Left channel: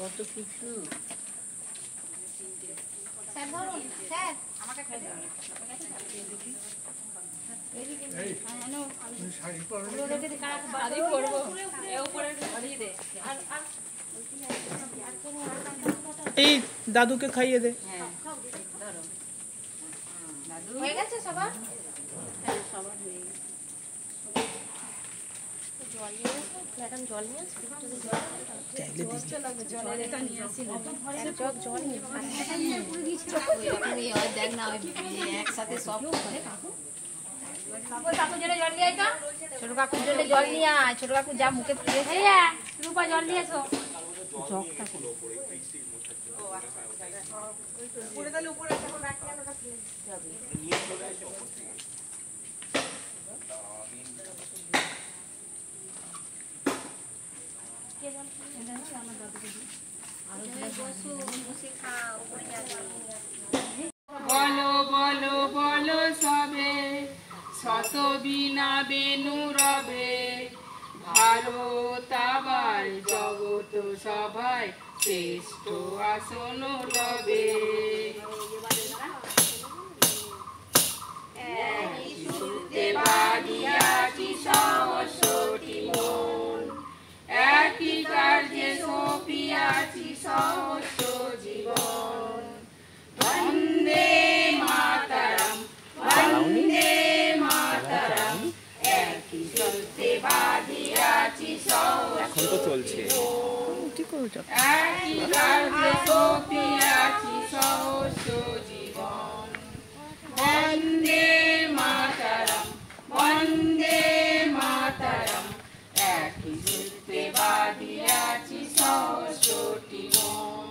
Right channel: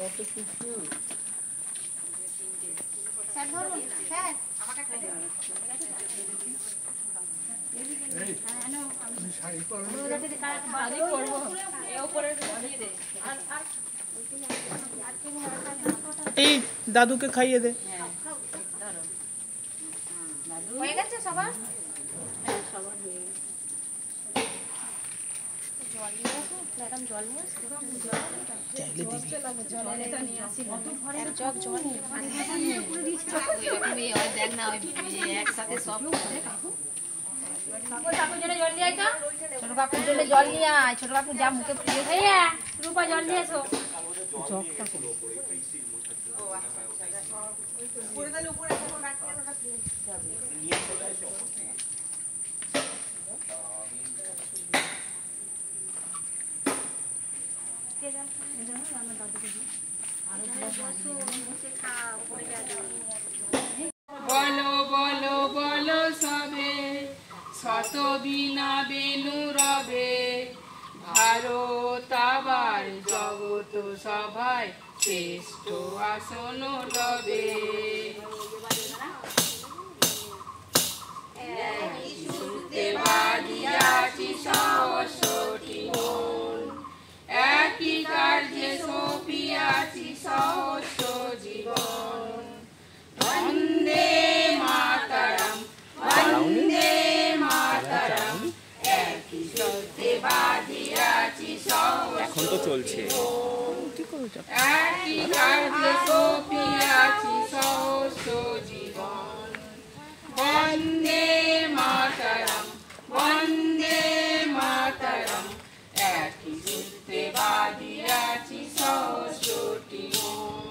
কত কিছু এই দাদুকে খাইয়ে দে। হয়ে গেছে সবার? হ্যাঁ সবার হয়ে গেছে। জল নিয়ে আসো, ম্যাডাম জল নিয়ে আসো। দেখ না একসাথে সব কাকুর জন্য জল নিয়ে আয়, ছোট কাকুর জন্য জল নিয়ে আয়। ছোট কাকু যা মুখে দিয়েছে রূপা জল নিয়ে এসো। বলো বলো বলো সবে শত বিনা বেনু রবে, ভারত আবার জগত সভায় শ্রেষ্ঠ আসন লবে। বাঁধিয়াছি সহস্রটি মন, একই কার্যে সপিয়াছি সহস্র জীবন। বন্দে মাতরম বন্দে মাতরম, একই সত্যে বাঁধিয়াছি সহস্র জীবন। একই কার্যে সপিয়াছি সহস্র জীবন। বন্দে মাতরম বন্দে মাতরম, একই সূত্রে বাঁধিয়াছি সহস্রটি মন।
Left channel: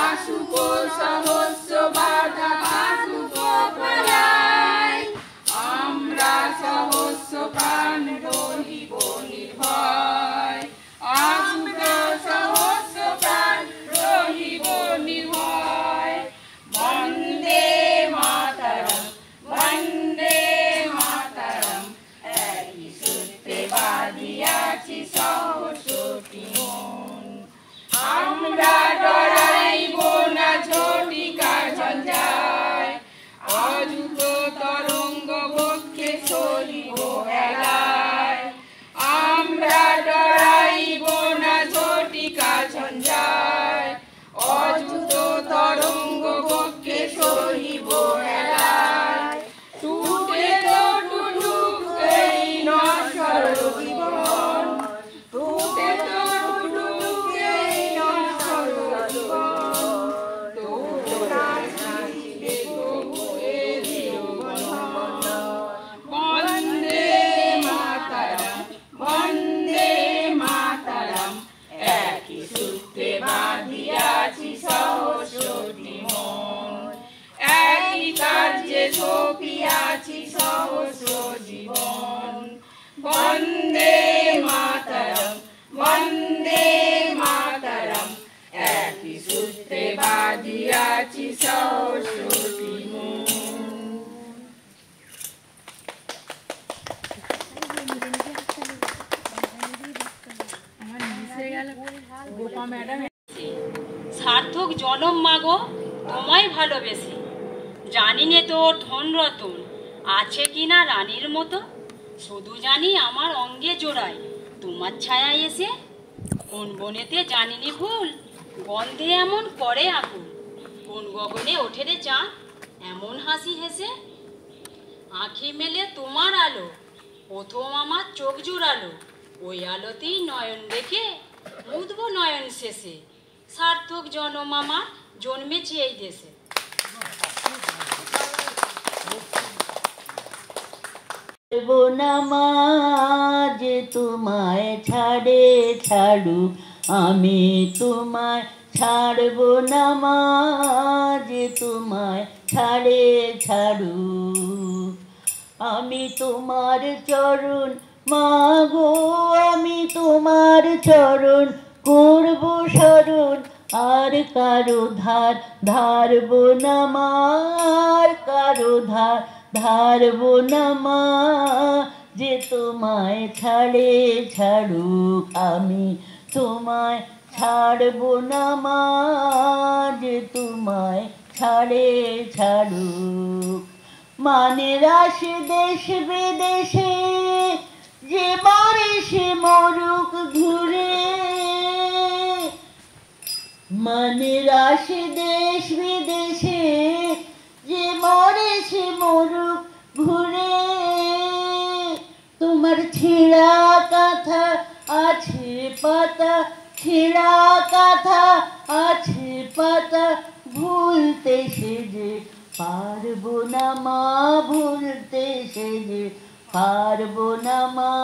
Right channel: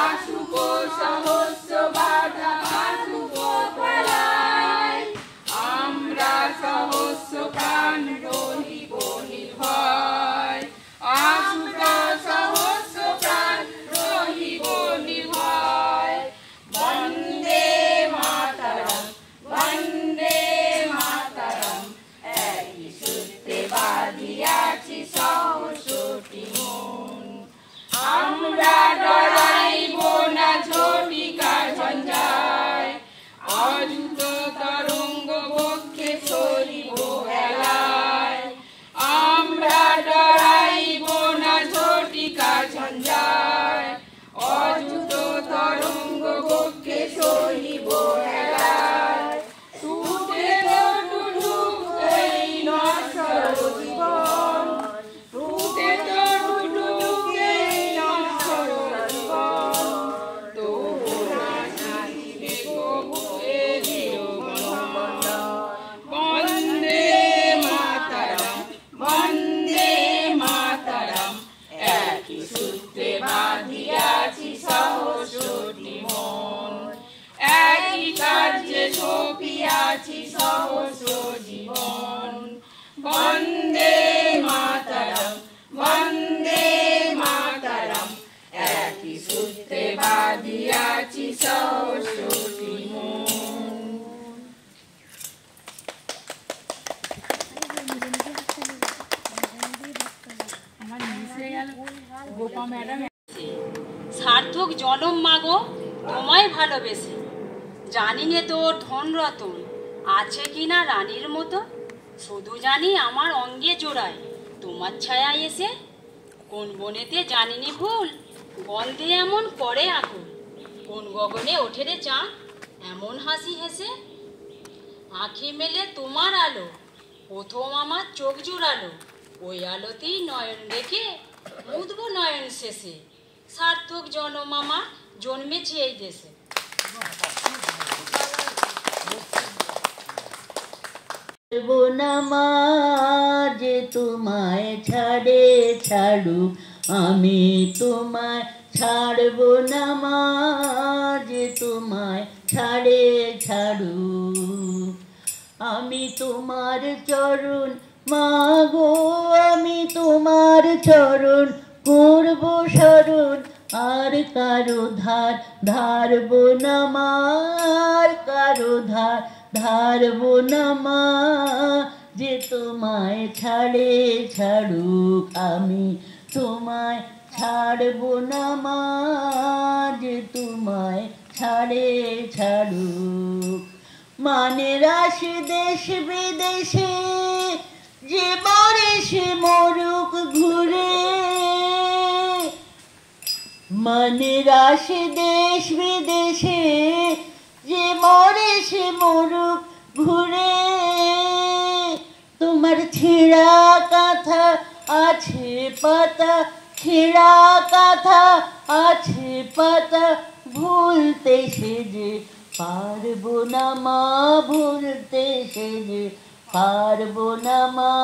আসুক সহস্র বাধা আসুক পালায়, আমরা সহস্র প্রাণ রহিব নির্ভয়। আসুক সহস্র প্রাণ রহিব নির্ভয়। বন্দে মাতরম বন্দে মাতরম, একই সূত্রে বাঁধিয়াছি সহস্রটি মন। আমরা ডরাইব না ঝটিকার ঝঞ্ঝায়, অযুত তরঙ্গ বক্ষে সরিব হেলায়। আমরা ডরাইব না ঝটিকার ঝঞ্ঝায়, অযুত তরঙ্গ বক্ষে সরিব হেলায়। টুটে তো টুটুক এই নশ্বর জীবন, টুটে তো টুটুক এই নশ্বর জীবন। তবু নাচিবে প্রভু এ চিরবন্ধন। বন্দে মাতরম বন্দে মাতরম, একই সূত্রে বাঁধিয়াছি সহস্রটি মন। একই কার্যে সপিয়াছি সহস্র জীবন। বন্দে মাতরম বন্দে মাতরম, একই সূত্রে বাঁধিয়াছি সহস্রটি মন। সার্থক জনম মাগো তোমায় ভালোবেসে, জানি নে তোর ধন রতন আছে কিনা রানীর মতো। শুধু জানি আমার অঙ্গে জোড়ায় তোমার ছায়া এসে, কোন বনেতে জানিনি ভুল গন্ধে এমন করে আগুন। কোন গগনে ওঠে রে চাঁদ এমন হাসি হেসে। আঁখি মেলে তোমার আলো প্রথম আমার চোখ জোড়ালো, ওই আলোতেই নয়ন রেখে মুদব নয়ন শেষে। সার্থক জনম আমার জন্মেছে এই দেশে। নামাজ তোমায় ছাড়ে ছাড়ু, আমি তোমায় ছাড়ব নামাজ তোমায় ছাড়ে ছাড়ু। আমি তোমার চরণ মাগো, আমি তোমার চরণ করব শরণ। আর কারো ধার ধারব নামার, কারো ধার ধারব নামা। যে তোমায় ছাড়ে ছাড়ুক, আমি তোমায় ছাড়বো না মা যে তোমায় ছাড়ে ছাড়ুক। মানের আসে দেশ বিদেশে যে মরে সে মরুক ঘুরে, মানের আসে দেশ বিদেশে যে মরে সে মরুক ঘুরে। তোমার ছেঁড়া কাঁথা আছে পাতা, ছেঁড়া কাঁথা আছে পাতা, ভুলতে সে যে পারবো না মা, ভুলতে সে যে পারবো না মা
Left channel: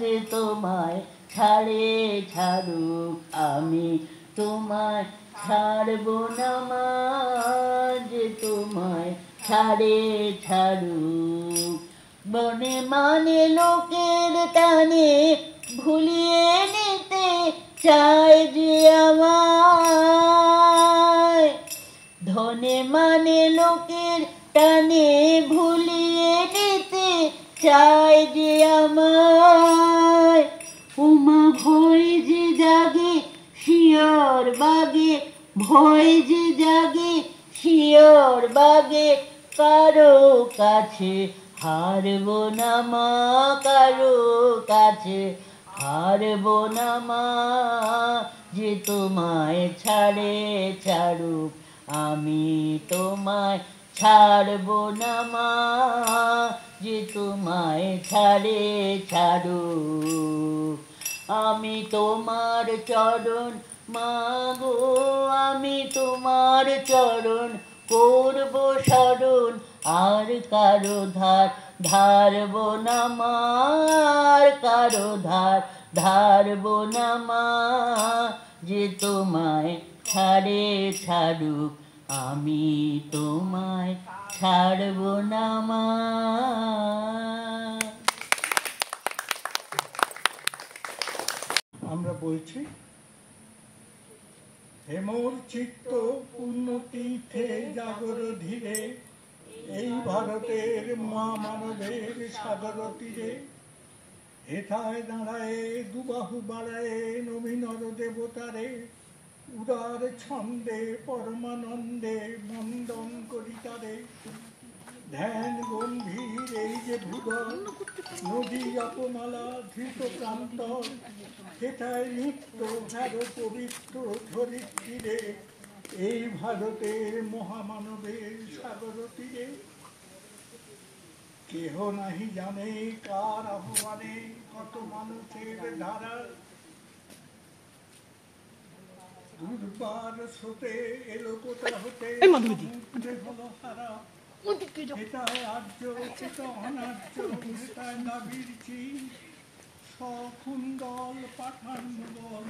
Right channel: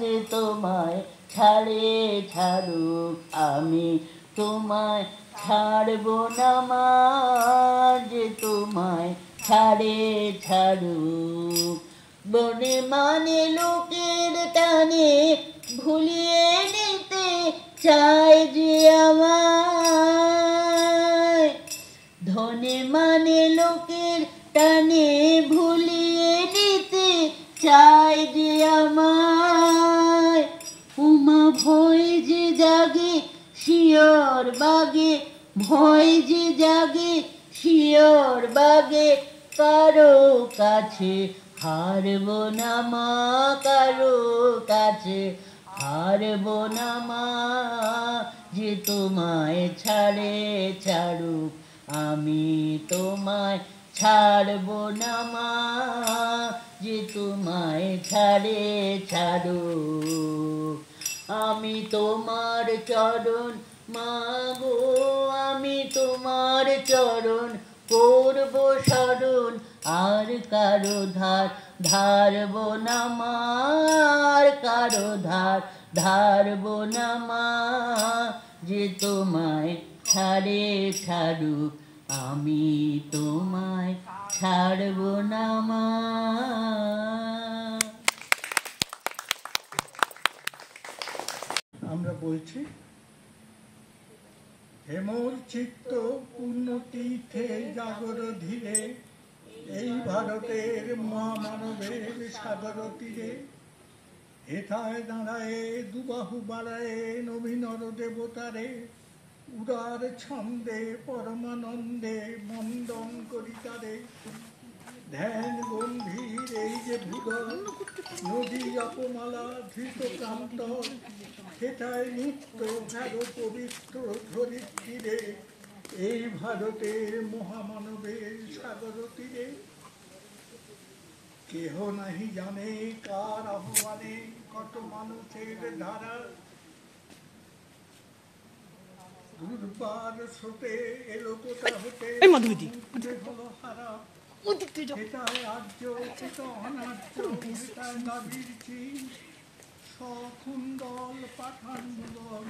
যে তোমায় ছাড়ে ছাড়ুক। আমি তোমায় ছাড়বো না মা যে তোমায় ছাড়ে ছাড়ুক। বনে মানে লোকের টানে ভুলিয়ে নিতে চায় যে আমায়, ধনে মানে লোকের টানে ভুলিয়ে নিতে চায় যে আমায়। উমা ভয় যে জাগে শিয়র বাগে, ভয় যে জাগে শিয়র বাগে, কারো কাছে হারবো না মা, কারো কাছে হারবো না মা যে তোমায় ছাড়ে ছাড়ুক। আমি তোমায় ছাড়বো না মা যে তোমায় ছাড়ে ছাড়ুক। আমি তোমার চরণ মা গো, আমি তোমার চরণ করবো স্মরণ, আর কারো ধার ধারবো না মা, আর কারো ধার ধারবো না মা যে তোমায় ছাড়ে ছাড়ুক। আমি তোমায় ছাড়বো না মা। আমরা বলছি, হেমর চিত্ত পূর্ণ তীর্থে জাগর ধীরে, এই ভারতের মহামানবের সাগর তীরে। হেথায় দাঁড়ায় দুবাহু বাড়ায় নবীনর দেবতারে, উদার ছন্দে পরমানন্দে বন্দন করি তারে। ধ্যান গম্ভীর এই যে ভূদল নদী অপমালা ধৃত প্রান্ত, সেটাই নিত্য ভারো পবিত্র ধরিত্রীরে, এই ভারতের মহামানবের সাগর তীরে। কেহ নাহি জানে কার আহ্বানে কত মানুষের ধারা, দুর্বার স্রোতে এলো কোথা হতে সমুদ্রে হলো হারা। সেটায় আর্য সেটা অনার্য, সেটায় নাবির চিন, সকুণ্ডল পাঠান মুঘল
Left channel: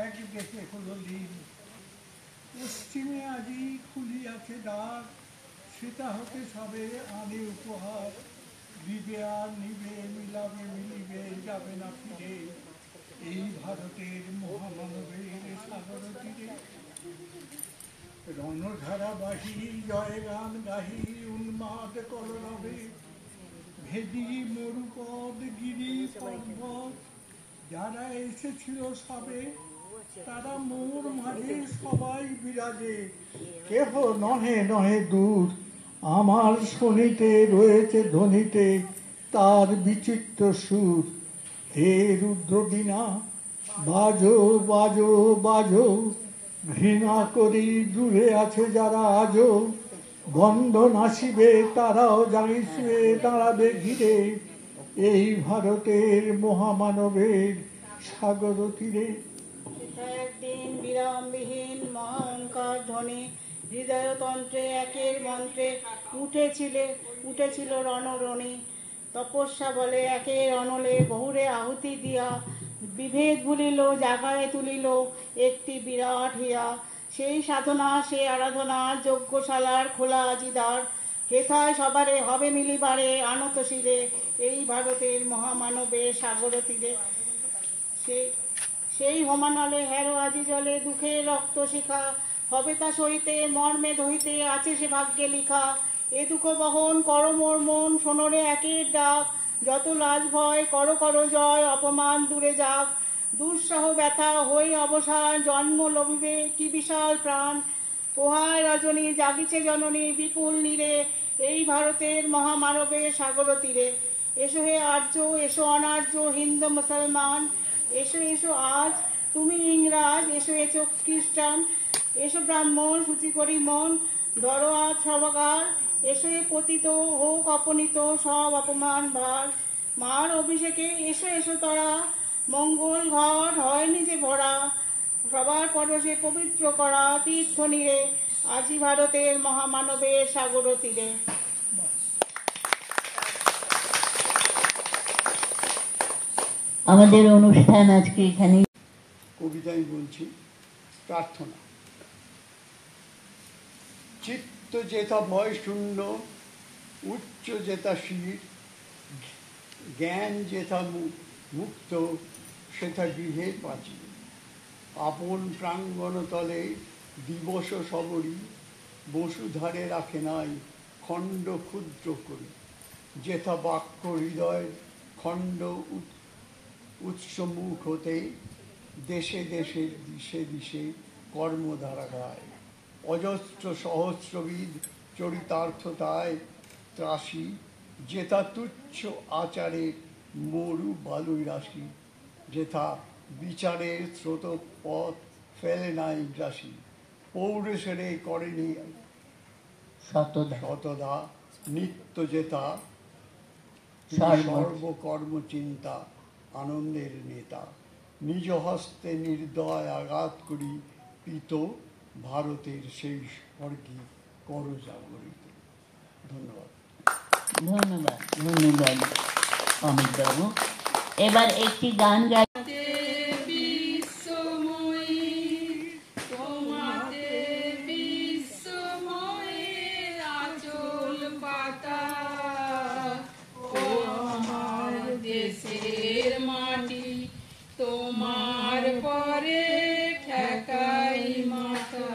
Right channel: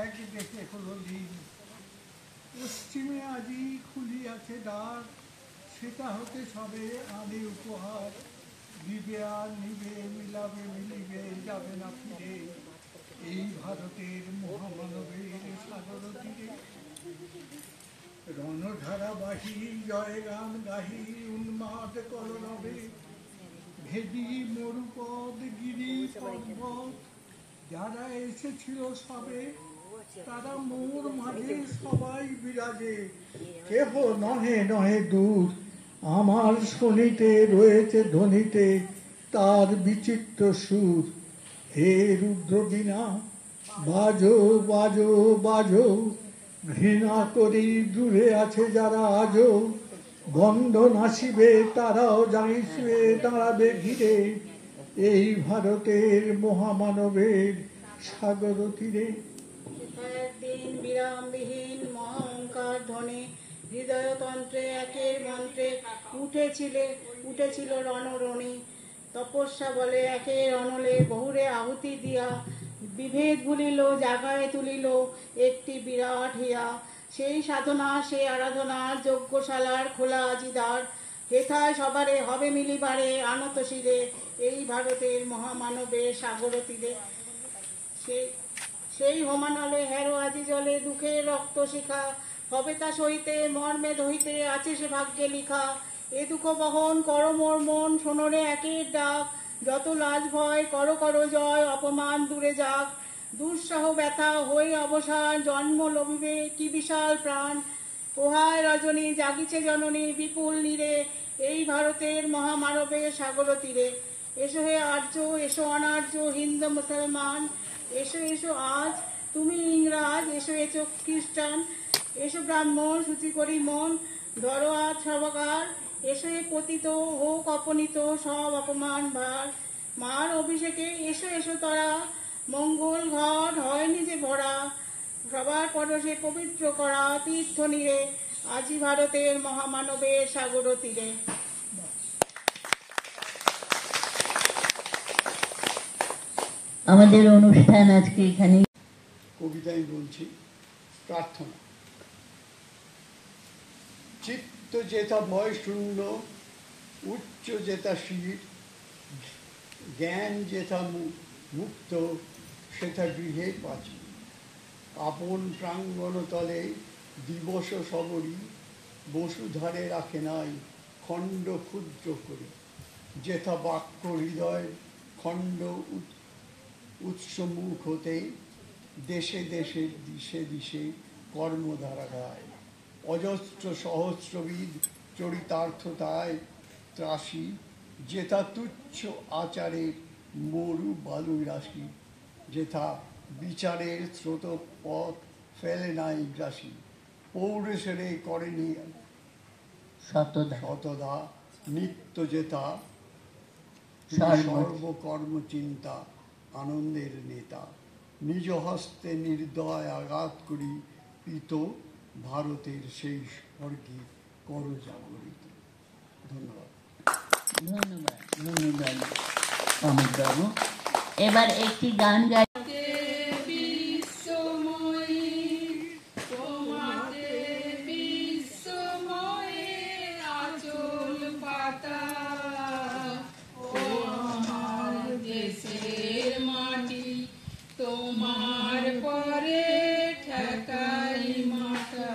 এক দেশে হলো লীন। পশ্চিমে আজি খুলিয়াছে দ্বার, সেটা হতে সবে আনে উপহার। দিবে আর নিবে, মিলাবে মিলিবে, যাবে না ফিরে, এই ভারতের মহামানবের সাগর তীরে। রণধারা বাহি জয় গান গাহি উন্মাদ কলরবে, ভেদি মরুপদ গিরি পর্বত, যারা এসেছিল সবে তারা মোর মাঝে সবাই বিরাজে। কেহ নহে নহে দূর, আমার শনিতে রয়েছে ধ্বনিতে তার বিচিত্র সুর। হে রুদ্র বীণা বাজো বাজো বাজো, ঘৃণা করি দূরে আছে যারা আজও, বন্ধন আসিবে তারাও জানিসবে দাঁড়াবে ঘিরে, এই ভারতের মহামানবের সাগর তীরে। একদিন বিরামবিহীন মহাঙ্কার ধ্বনি হৃদয়তন্ত্রে একের মন্ত্রে উঠেছিল রণরণী। তপস্যা বলে একের অনলে বহুরে আহুতি দিয়া, বিভেদ ভুলিল জাগায় তুলিল একটি বিরাট হিয়া। সেই সাধনা সে আরাধনা যজ্ঞশালার খোলা আজিদার, হেথায় সবারে হবে মিলিবারে আনত শিরে, এই ভারতের মহামানবের সাগর তীরে। সেই হোমানলে হেরো আজি জলে দুঃখের রক্ত শিখা, হবে তা সইতে মর্মে দহিতে আছে সে ভাগ্যে লিখা। এ দুঃখ বহন কর মোর মন, শোনরে একের ডাক, যত লাজ ভয় করো করো জয়, অপমান দূরে যাক। দুঃসহ ব্যথা হয়ে অবসান জন্ম লভিবে কি বিশাল প্রাণ। পোহায় রজনী জাগিছে জননী বিপুল নীরে এই ভারতের মহামানবের সাগর তীরে। এসো হে আর্য, এসো অনার্য, হিন্দু মুসলমান, এসো এসো আজ তুমি ইংরাজ, এসো এসো খ্রিস্টান, এসো ব্রাহ্মণ শুচি করি মন, ধরো আজ সবাকার, এসো এ পতিত হোক অপনীত সব অপমান ভার। মার অভিষেকে এসো এসো তরা, মঙ্গল ঘট হয়নি যে ভরা, সবার পরশে পবিত্র করা তীর্থ নীরে আজি ভারতের মহামানবের সাগর তীরে। আমাদের অনুষ্ঠান আজকে এখানে। কবিতায় বলছি প্রার্থনা। চিত্ত যেথা ভয় শূন্য, উচ্চ যেথা শির, জ্ঞান যেথা মুক্ত, সেথা গৃহে পাচি। আপন প্রাঙ্গণ তলে দিবস সবরী, বসুধারে রাখে নাই খণ্ড ক্ষুদ্র করি। যেথা বাক্য হৃদয় খণ্ড উৎসমুখ হতে, দেশে দেশে দিশে দিশে কর্মধারা গায়। অজস্র সহস্রবিদ চরিতার্থতায় ত্রাসী, যেথা তুচ্ছ আচারে মরু বালুই রাশি। যেথা বিচারের স্রোত পথ ফেলে নাই গ্রাসী, পৌরুষেরে করেনি শতদা। নিত্য যেথা সর্বকর্ম চিন্তা, আনন্দের নেতা। নিজ হস্তে নির্দয় আঘাত করি পিত, ভারতের সেই স্বর্গে করজাগরিত। ধন্যবাদ। ধন্যবাদ, ধন্যবাদ অমিত বাবু। এবার একটি গান গাই। তোমার পরে ঠেকাই মাথা,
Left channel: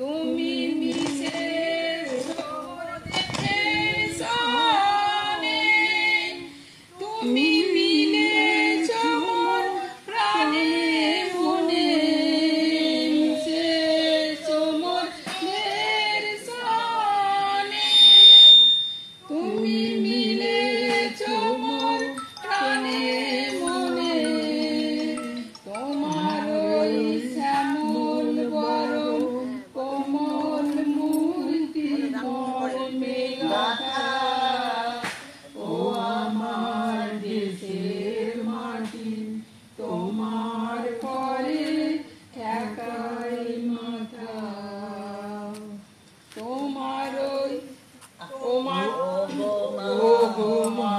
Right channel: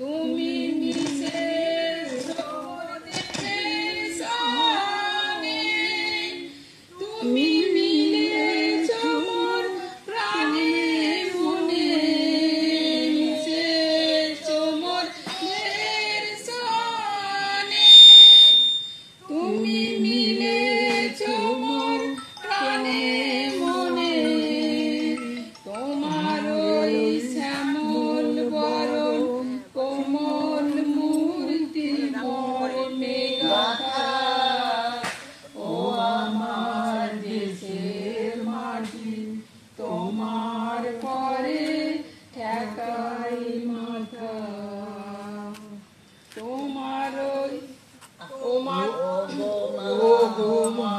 তুমি মিশে তুমি মিলেছ মোর প্রাণে মনে, মিশেছ মোর দের সনে, তুমি মিলেছ মোর প্রাণে মনে। তোমার ওই শ্যামল বরণ কোমল মূর্তি মর্মে গাথা, ও আমার দেশের মাটি তোমার পরে ঠেকাই মাথা। তোমার ওই তোমার ও গো মা,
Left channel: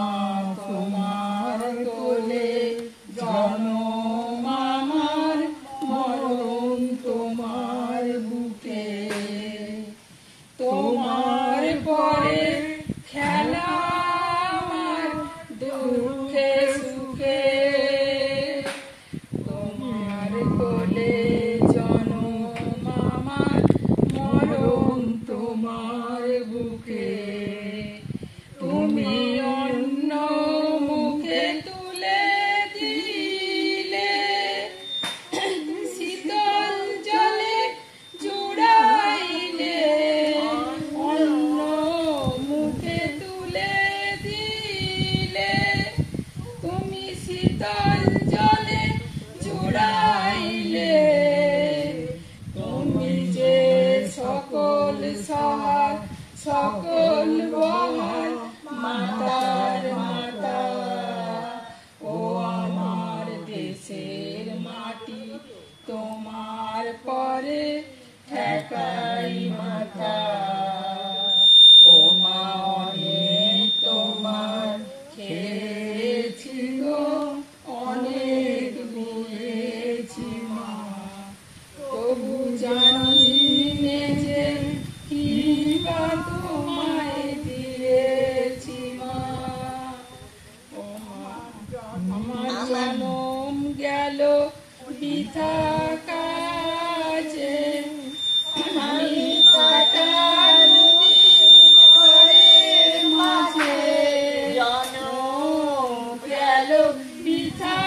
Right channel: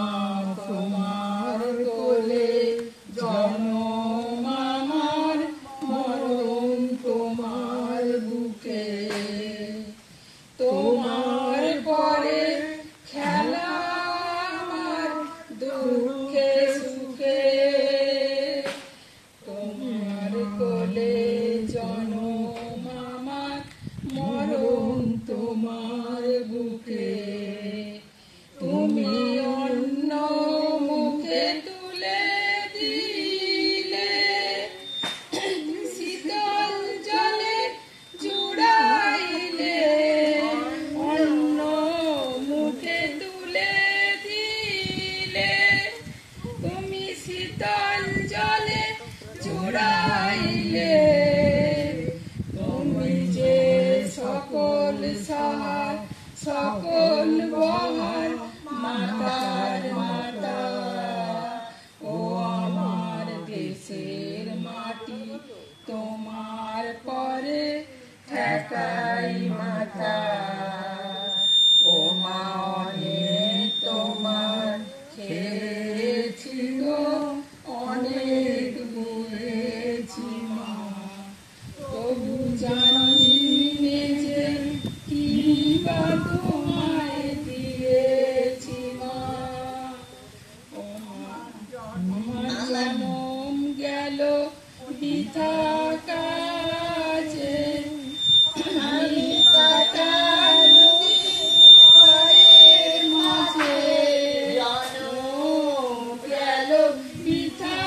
তোমার কোলে জনম আমার, মরণ তোমার বুকে। তোমার পরে খেলা আমার দুঃখে সুখে, তোমার কোলে জনম আমার, মরণ তোমার বুকে। তুমি অন্য মুখে তুলে দিলে, শীতল জলে জুড়াইলে, অন্য মুখে তুলে দিলে, তুমি শীতল জলে জুড়াইলে। তুমি যে সকল সার সকল বহার মাতার মাতা, ও আমার দেশের মাটি তোমার পরে ঠেকাই মাথা। ও মা অনেক তোমার খেয়েছি গো, অনেক বুঝেছি মা, তবু জানি নে যে কি বা তোমায় দিয়েছি মা। ও মা আমার জনম গেল বৃথা কাজে, আমি কাটালু ঘরের মাঝে, জনম গেল বৃথা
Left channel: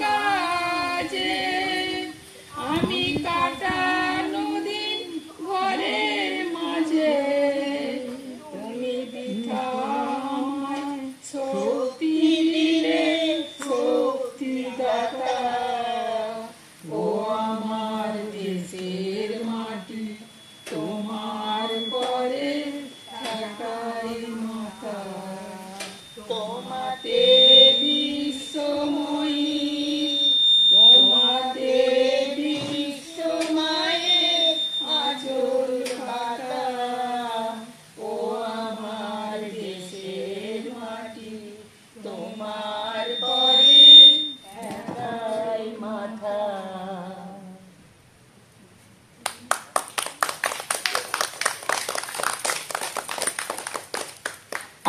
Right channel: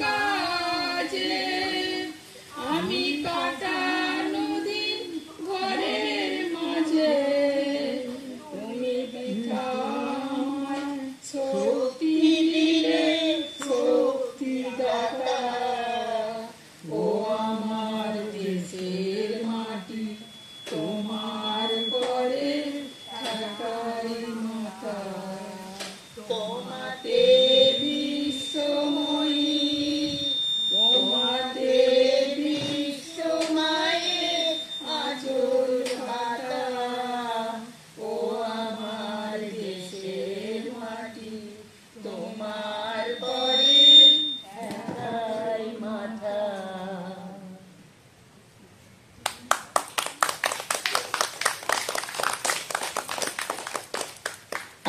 কাজে।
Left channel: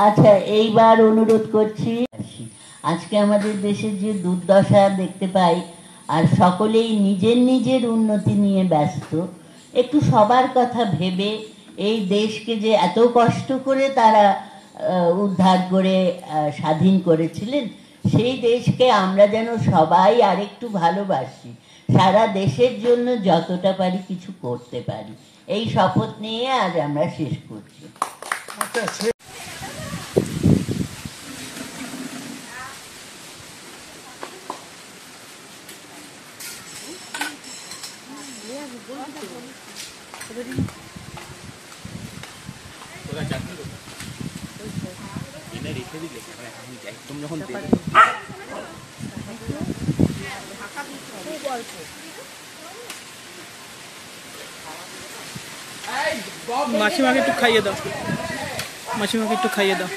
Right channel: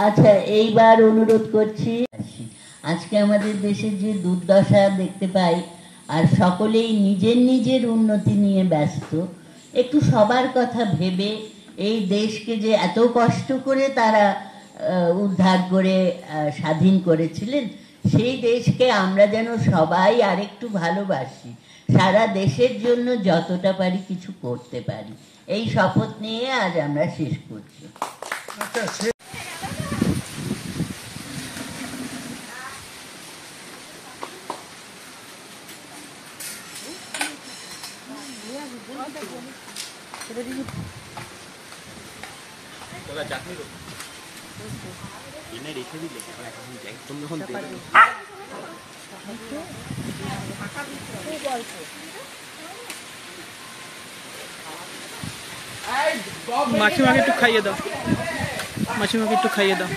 আচ্ছা, এইবার অনুরোধ করছি, আজকে আমাদের দেশের যে দুর্দশা দেখতে পাই, আর সকলেই নিজের নিজের উন্নতি নিয়ে ব্যস্ত, একটু সবার কথা ভেবে এই দেশকে যে এত কষ্ট করে তারা উদ্ধার করে স্বাধীন করেছিলেন, সেই দেশকে আমরা যেন সবাই আরেকটু ভালোবাসি, সারা দেশের জন্য যতটা পারি কিছু করতে পারি, এই শপথ নিয়ে আজ আমরা শেষ করছি। মাসিমাকে একটু খাইয়ে দাও, মাসিমাকে একটু খাইয়ে দাও।